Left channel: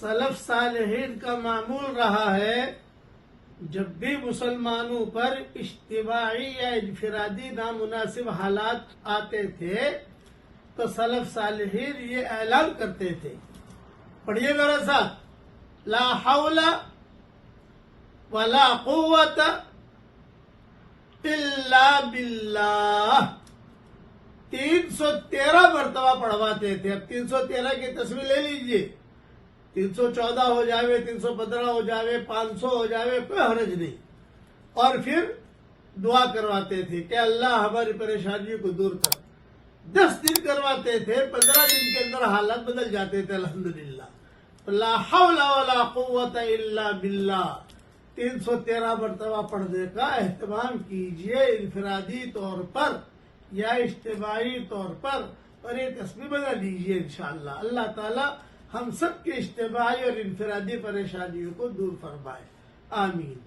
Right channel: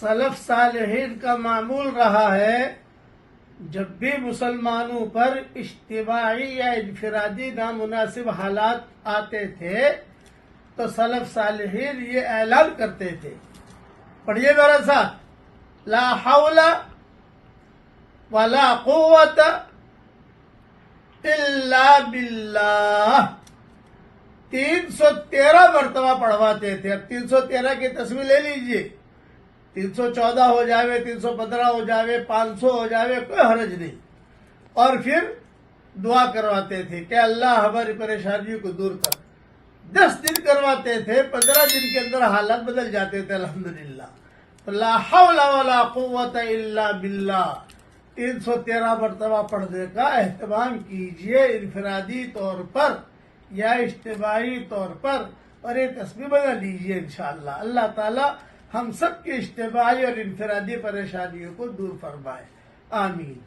سلف صالحین کا معمول رہا ہے جب بھی مسلمانوں پر اجتماعی یا انفرادی نامناسب حالات آتے تھے تو سلف صالحین یہ اعلان کرتے تھے، پڑھیے ذرا سا، لا حول ولا قوت الا باللہ، 313 مرتبہ پڑھواتے تھے۔ اب 313 کی تصویر لے لیجئے، 314 ہو جاوے، 315 ہو جاوے، 500 ہو جاوے، کوئی حرج نہیں۔ اور پھر دعا کرواتے تھے کہ اللہ ہماری پریشانیوں کو دور کر۔ 10 دن کرواتے تھے، 15 دن کے اندر حالات بدل جاتے تھے الحمدللہ۔ لا حول ولا قوت الا باللہ 313 مرتبہ پڑھنے کا اہتمام کیجئے، انفرادی طور پر یا اجتماعی طور پر، اور یہ تصویر بنا لیجئے انشاءاللہ۔ اللہ تعالی ہم سب کی اجتماعی اور انفرادی پریشانیوں کو دور فرمائے، آمین۔